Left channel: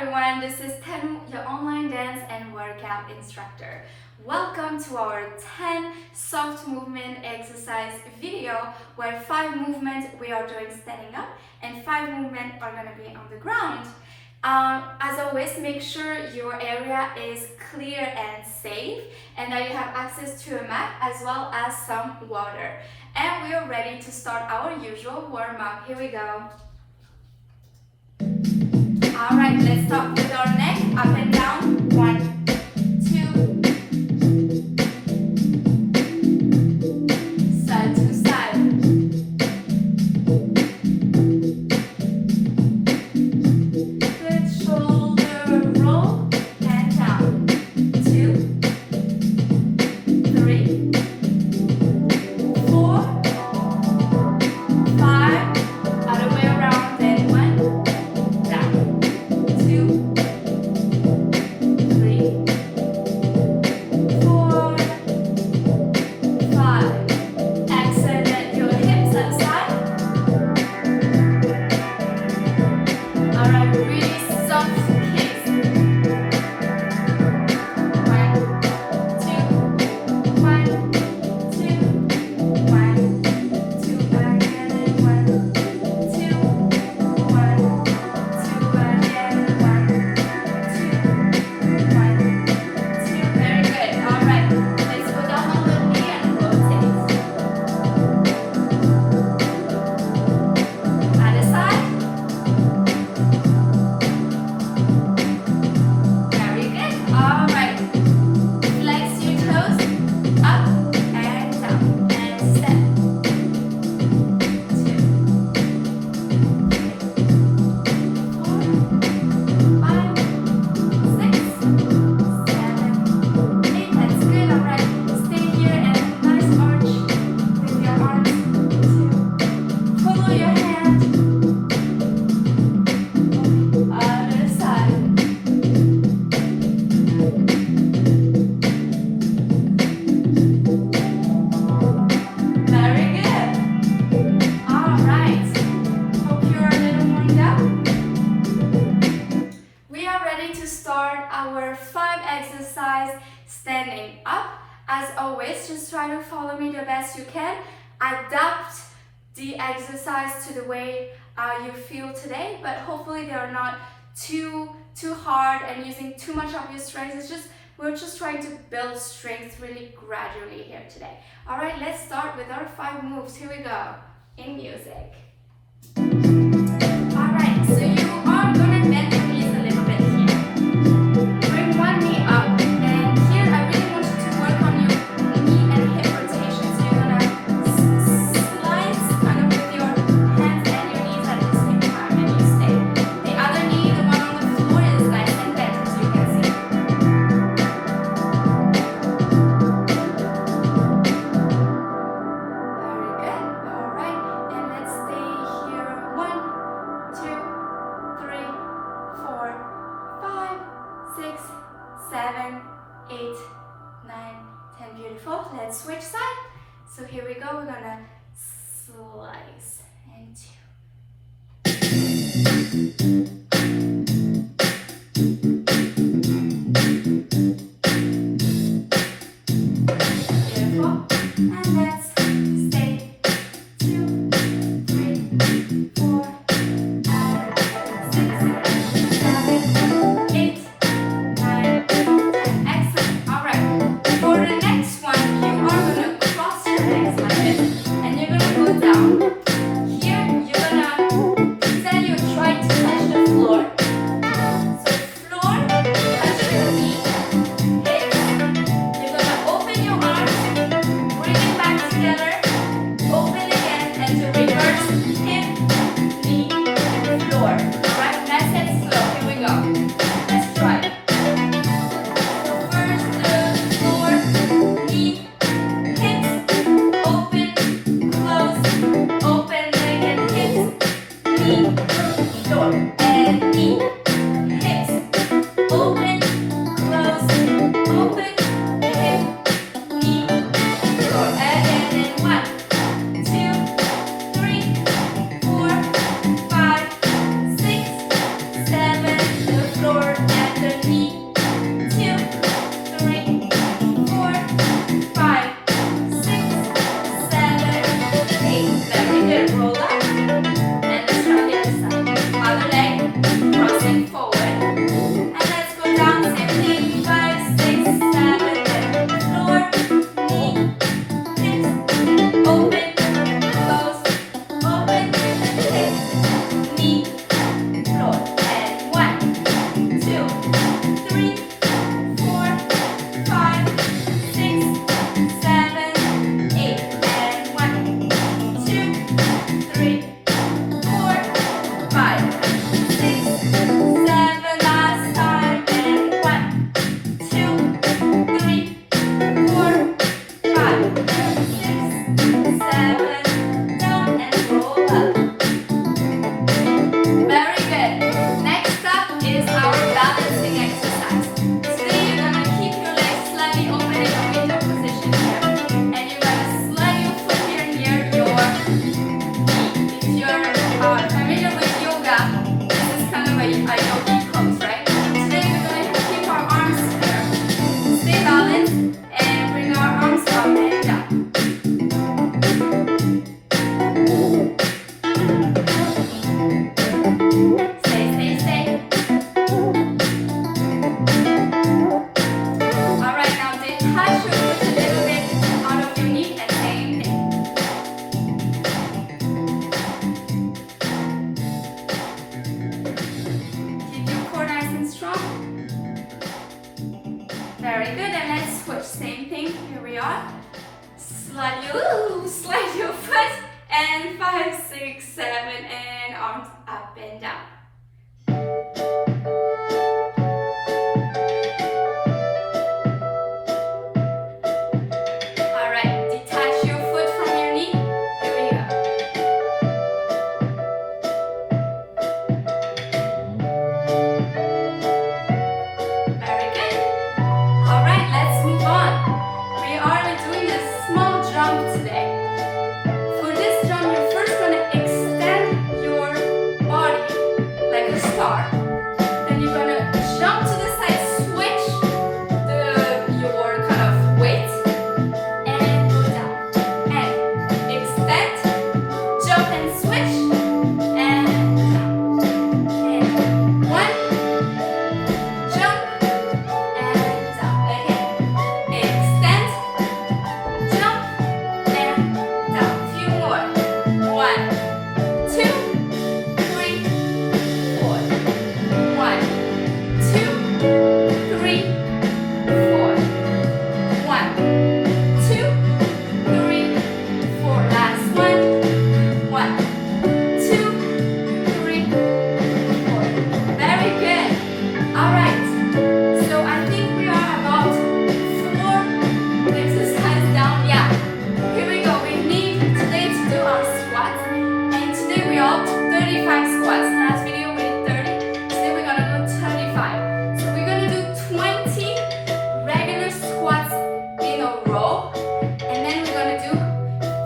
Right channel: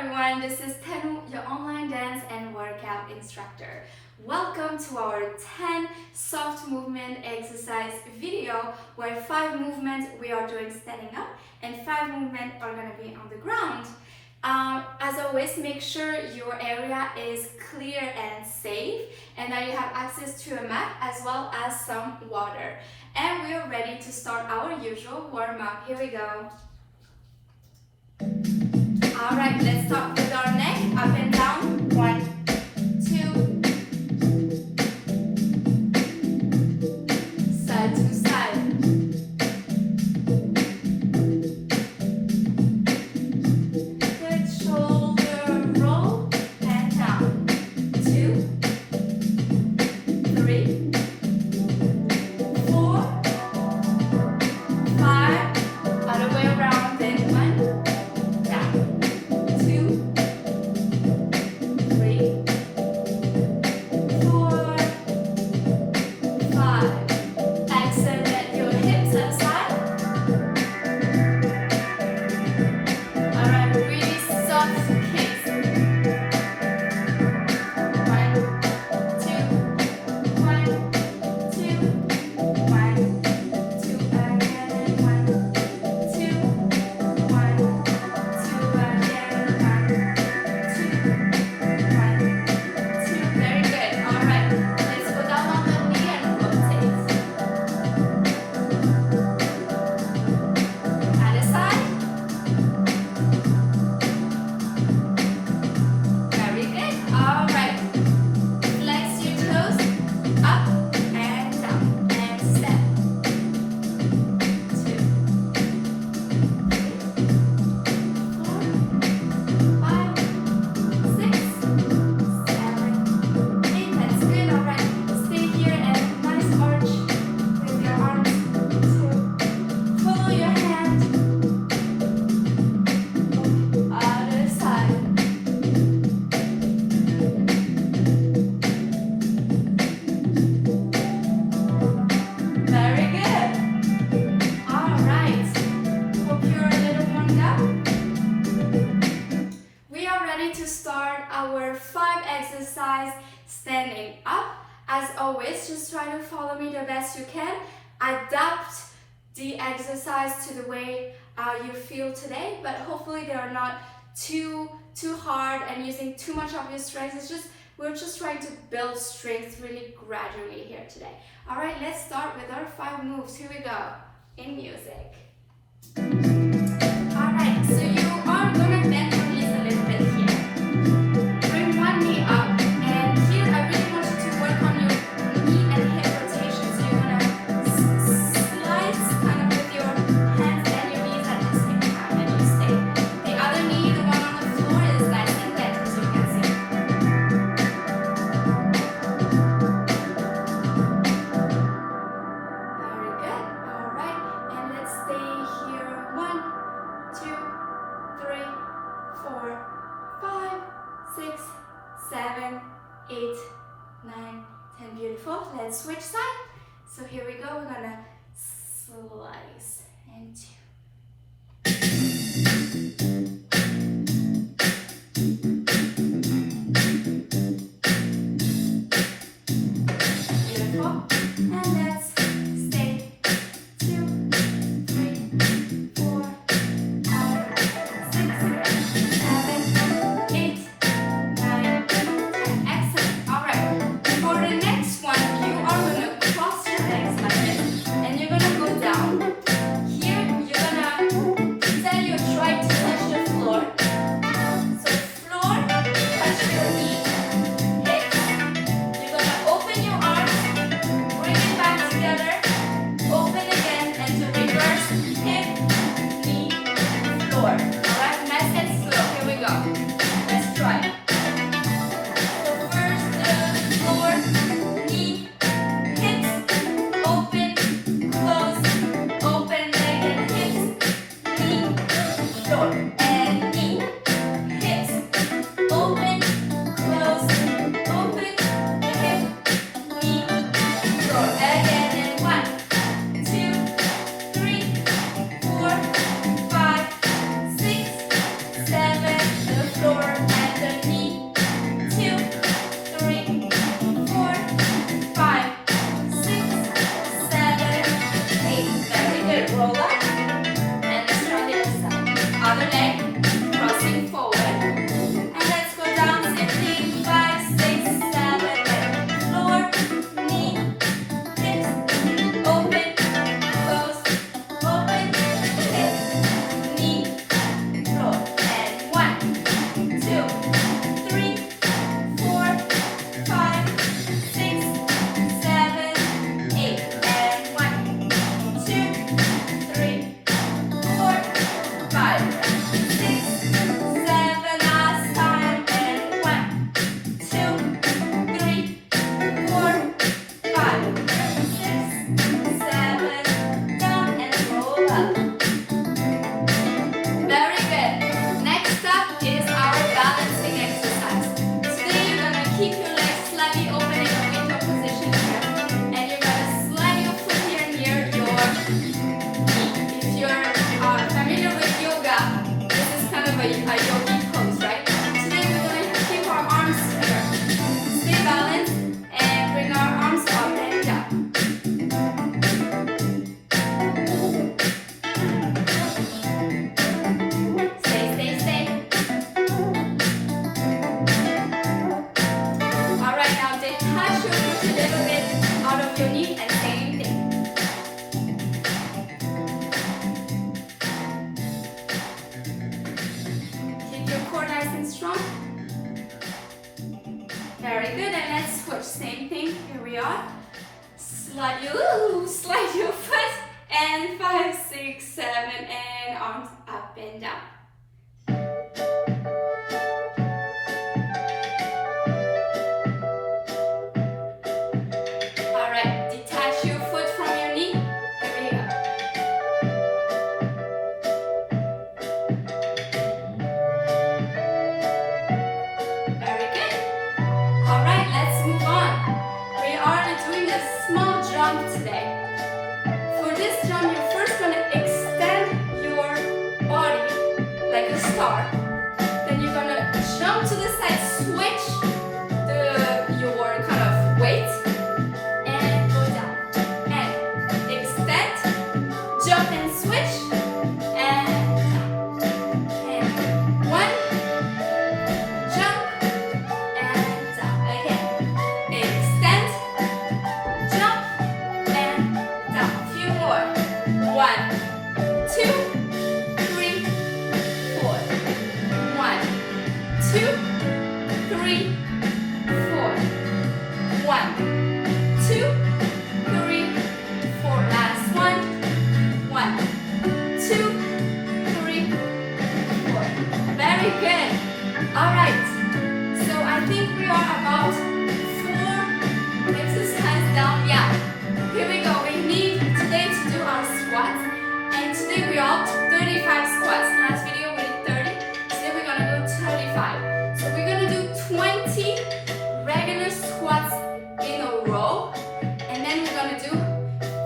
everyone, this is Tenu, your online dance and workout instructor. Welcome to our 10 soft movement exercise video where 5 movements we are doing standing up and 5 movements are going to be on the ground. As always, make sure your area is clear and safe and that you have access to a mat as well as some water. And we are ready to start our usual warm-up. Here we go. Alright, let's start with our neck, up and down. 1, 2, side to side. Good shoulder roll and down. 2, 3, 4, 5, other way around, then 1. Our 5 exercise standing up. As always, just try to follow me the best you can. Adapt the exercise to the way you feel today, but hopefully they are not too hard and using too much of your strength. We're just trying to build strength really gradually here today. All right, let's start with our 5 moves. Here we go in music. All right, so you are going to bend your knees a little bit here. Bring one knee up, and here I really want you to work on your knee and hip rotation. So you're gonna slice kind of with your hands and your knees at the same time, and you stay. The other knee, the one on the floor, is nice and bent, as you can see. Very good. All right, and let's stay here. 1, 2, 3, 4, 5, 6, 7, 8, 9, 10. Beautiful. Let's switch side. So here we go. We're gonna slice and 2. Beautiful. And let's stay. 2, 3, 4, 5, 6, 7, 8, 9, 10. Excellent. All right. For the next one, you are going to cross your legs like this, and you're going to go down. Here, you're going to instead you're trying to touch the but I know we pose, right? Today we're going to keep our arms here. Stay balanced and bring our arms up and down. Stay, stay, stay. Alright, now detach your foot a little bit out of your knee and same thing. Keep your core nice and strong. Very good, and let's switch. Same thing, here we are. Slide your foot, and 5, 6, 7, and arms up and down. Alright, detach your foot from your knee. Here we go. Very good. Alright, let's move on. We are doing a small jump today. For this jump, you're first going to extend your body like a star. Then you're going to jump to the side, switch your kind of weight, and go down. And extend, jump and switch, and down. And 1, jump, and down. Again, extend, jump, and down. Few more. 1, 2, 3, 4. 1, 2, 3, 4. 1, 2, 3, 4. Last one. 1, 2, 3, 4. Very good. All right. So I think we are about 4 exercises down. Yeah. Here we go. We need today to do our squats. And today we are up to 35 squats. Last video we did 30. Today we're gonna go 35. So we're gonna do 20 regular squats in a row. And then we're gonna do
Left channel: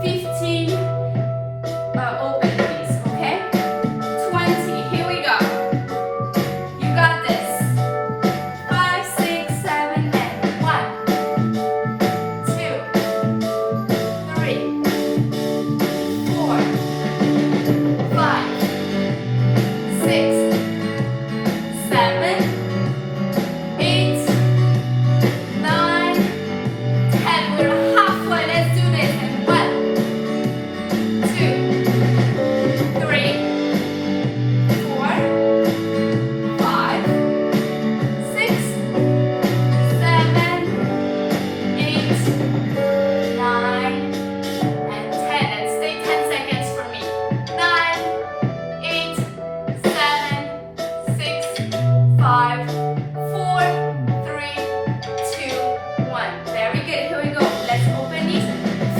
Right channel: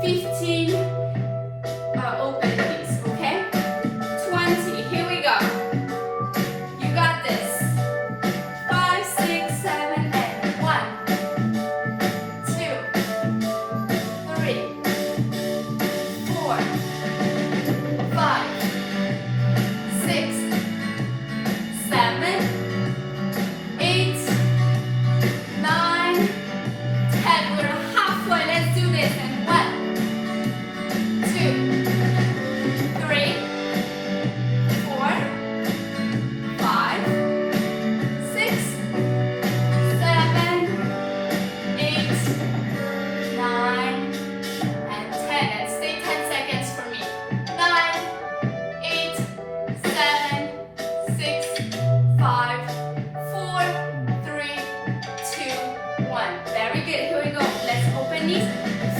15 open knees, okay? 20. Here we go. You got this. 5, 6, 7, and 1, 2, 3, 4, 5, 6, 7, 8, 9, 10. We're halfway. Let's do this. And 1, 2, 3, 4, 5, 6, 7, 8, 9, and 10. And stay 10 seconds for me. 9, 8, 7, 6, 5, 4, 3, 2, 1. Very good. Here we go. Let's open these.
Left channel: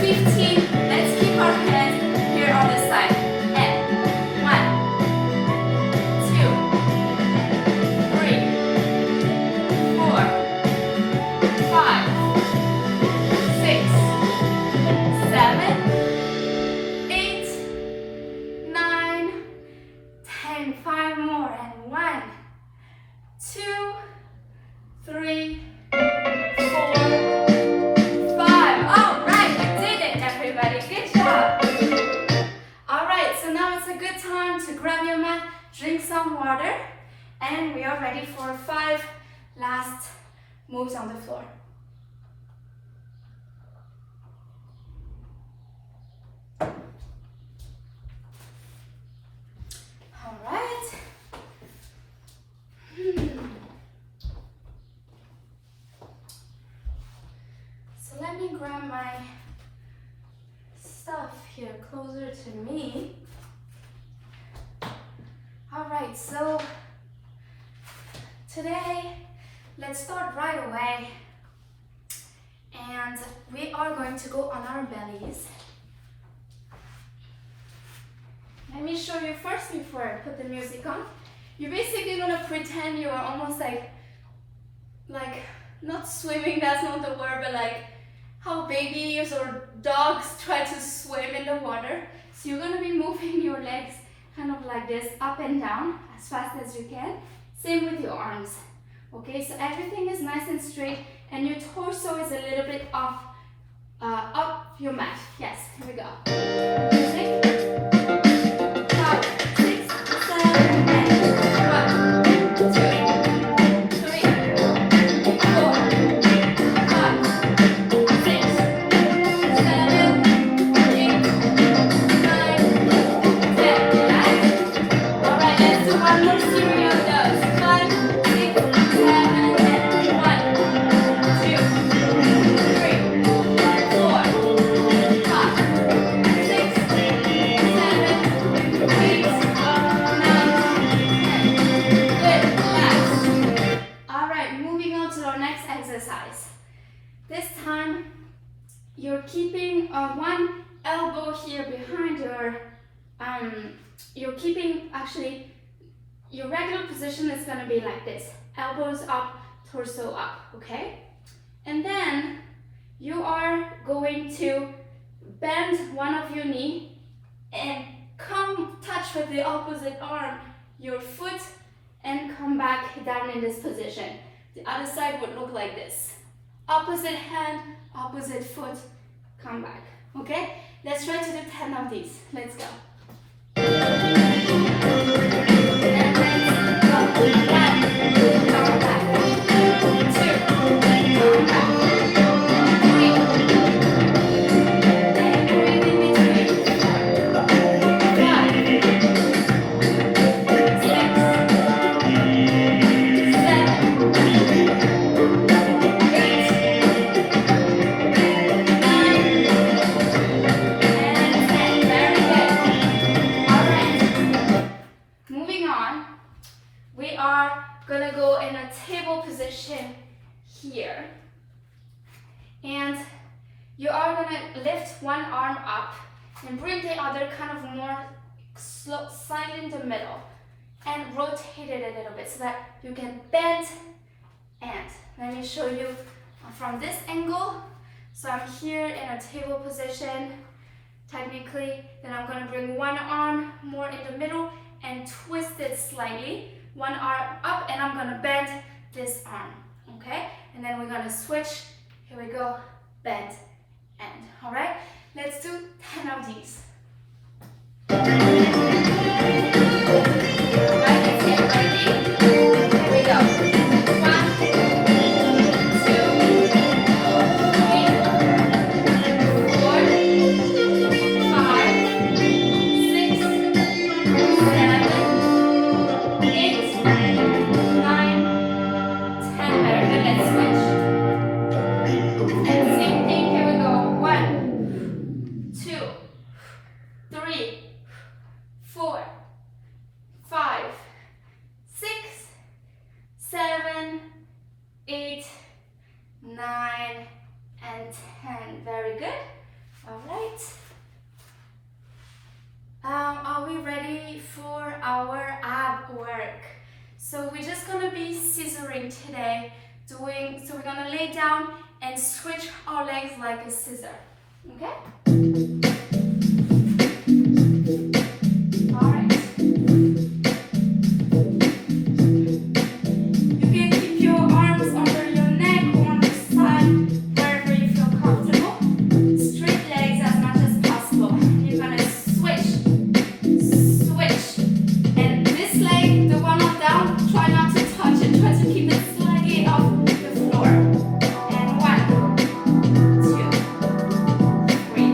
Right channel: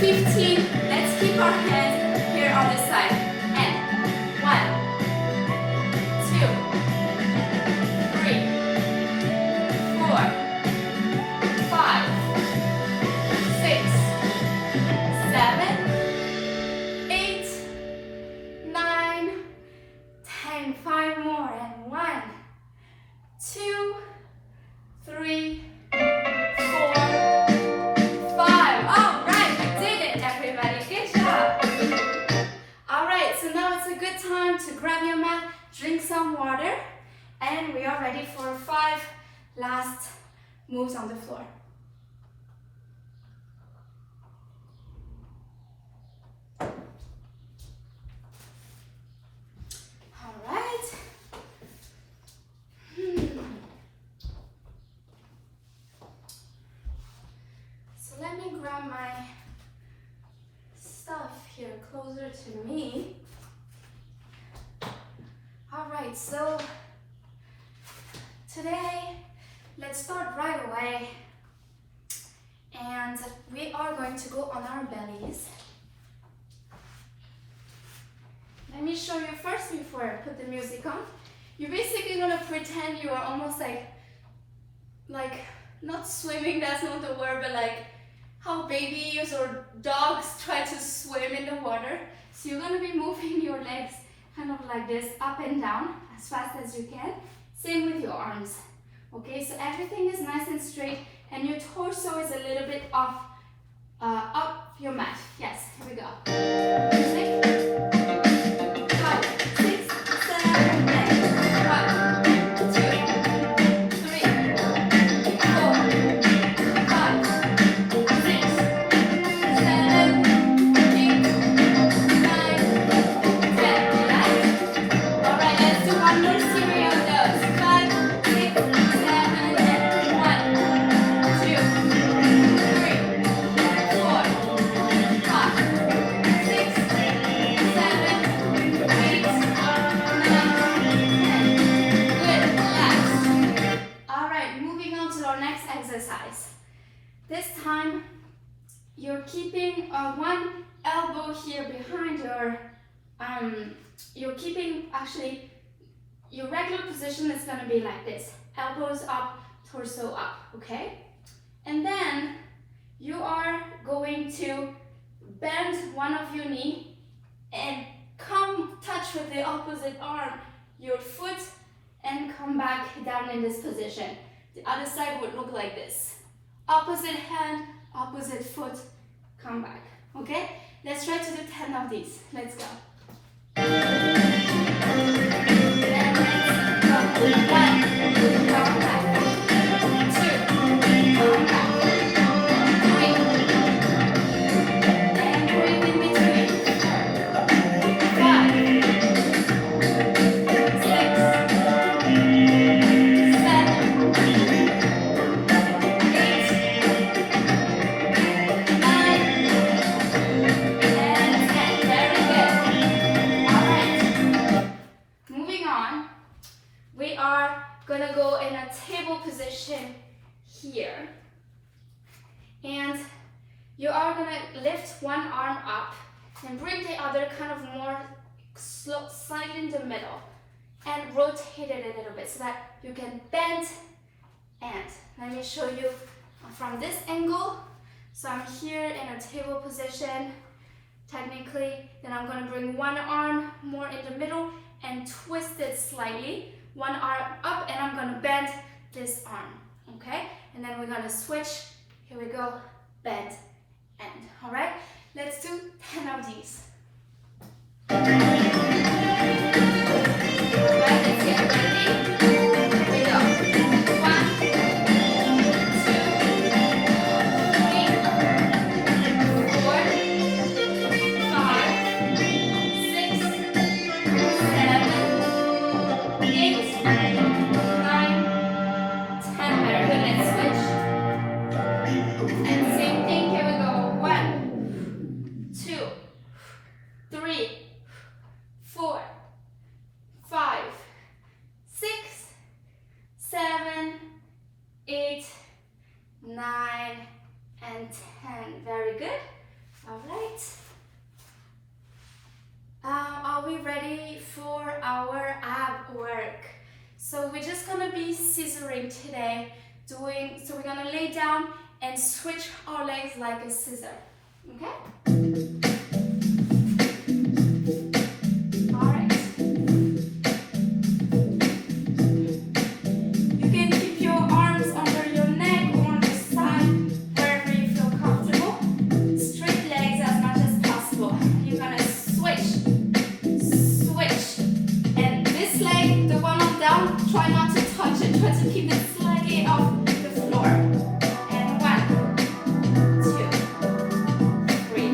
15. Let's keep our hands here on the side. And 1, 2, 3, 4, 5, 6, 7, 8, 9, 10. 5 more. And 1, 2, 3, 4, 5. All right, you did it, everybody. Good job. All right, so now it's a good time to grab your mat, drink some water, and we are ready for 5 last moves on the floor. All right. So let me grab my stuff here closer to me. All right, so today, let's start right away. And we are going to go on our bellies. Let me show you first before I put the music on. You're basically gonna pretend you are almost like not swimming, that's not the word, but like how babies or dogs try to swim in the water. So you're gonna be moving your legs kind of like this, up and down as fast as you can. Same with your arms. Okay, so everything is nice and straight, and your torso is a little bit off, up your mat. Yes, here we go. Music. 5, 6, 7, 8. 1, 2, 3, 4, 5, 6, 7, 8, 9, 10. Relax. All right, let's do one more series of those. 5, 6, 7, 8. 1, 2, 3, 4, 5, 6, 7, 8, 9, 10. Good, relax. All right, moving on to our next exercise. This time, you're keeping one elbow here behind you're keeping, actually, your regular position is gonna be like this. Elbows up, torso up, okay? And then you are going to bend one of your knee and come touch with the opposite arm, your foot, and come back down in this position. The other side would look like this. Opposite hand, opposite foot, come back, okay? Let's try to do 10 of these. Let's go. And let's go. 1, come back. 2, come back. 3, and breathe in between. 4, 5, 6, 7, 8, 9, and 10. Very good. All right. Moving on, we are gonna go in a table position here. And you are gonna lift one arm up and bring the other kind of more slow, slightly in the middle, and rotate it a little bit so that you can bend. And let me show you from this angle. So I'm here in a table position, technically. Then I'm gonna bring one arm more in the middle and twist it slightly. One arm up, and I'm gonna bend this arm, okay? And then we're gonna switch. Here we go, bend, and. All right, let's do 10 of these. All right, let's get ready. Here we go. 1, 2, 3, 4, 5, 6, 7, 8, 9, 10. Very good. Let's switch. And same thing. Here we go. 1, 2, 3, 4, 5, 6, 7, 8, 9, and 10. Very good. All right. Are we ready for our ab work? So we're just gonna be scissoring today, so we're gonna lay down and switch our legs like a scissor, okay? All right. You can keep your arms under your neck or on the side, wherever you feel comfortable. Straight legs as much as possible. You're gonna switch. And this leg, the one on down, try not to touch it. Try to keep it slightly off the floor. And 1, 2, 3,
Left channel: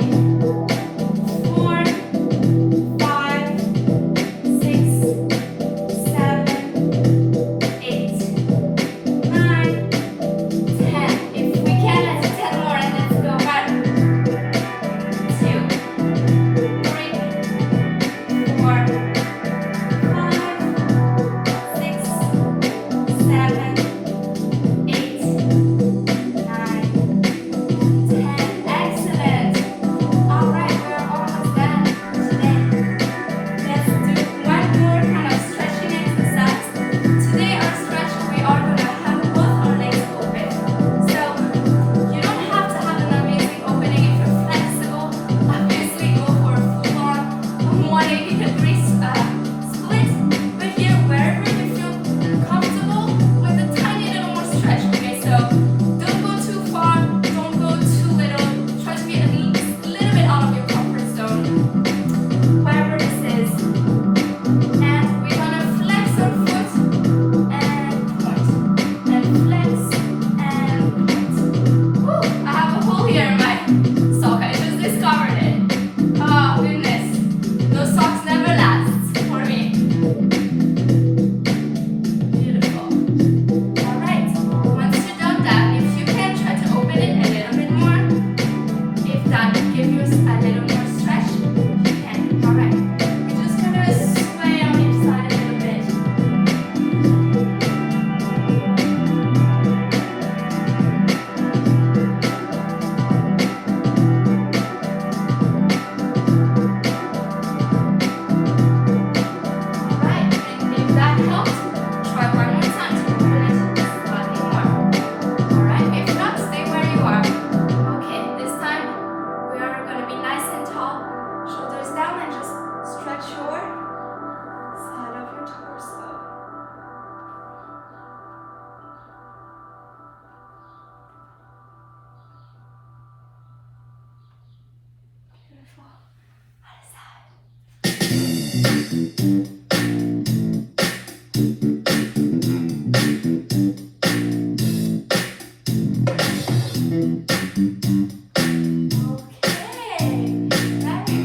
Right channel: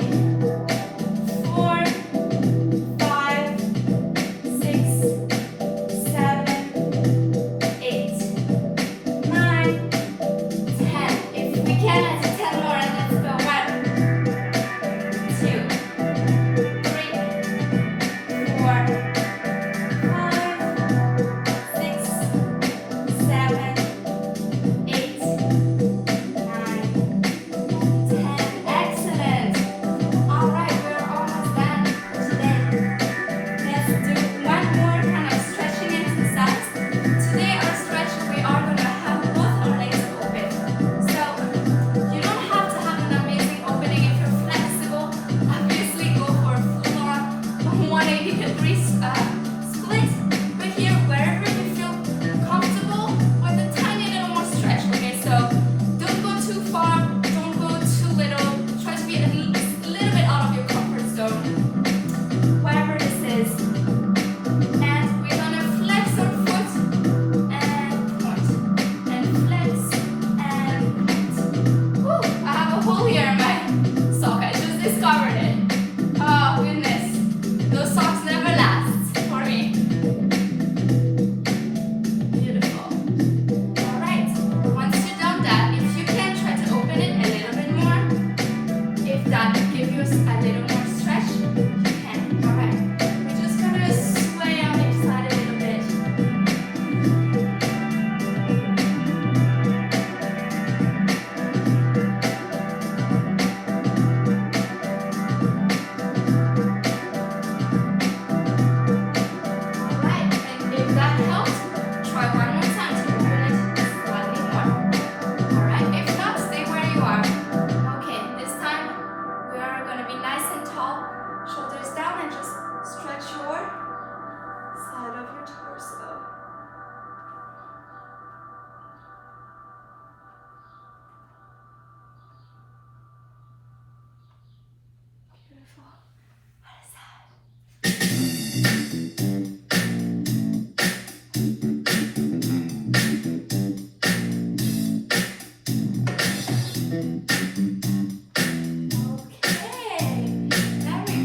Very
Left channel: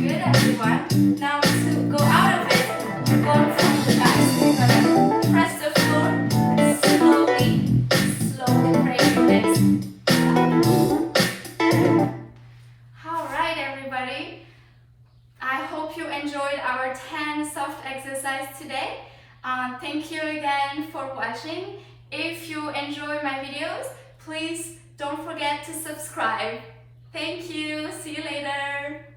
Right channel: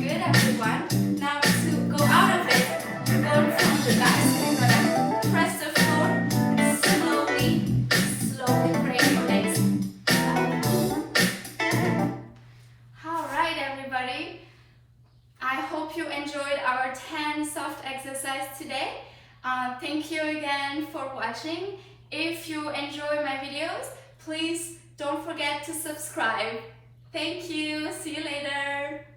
good, everyone. Now to go out of it, you're going from the back. You're gonna press the floor slowly, slowly break your legs. All right, everybody. I hope you enjoyed our 10 soft exercise today. Thank you again for watching. If you enjoy my videos, please don't forget to subscribe. Thank you. See you later.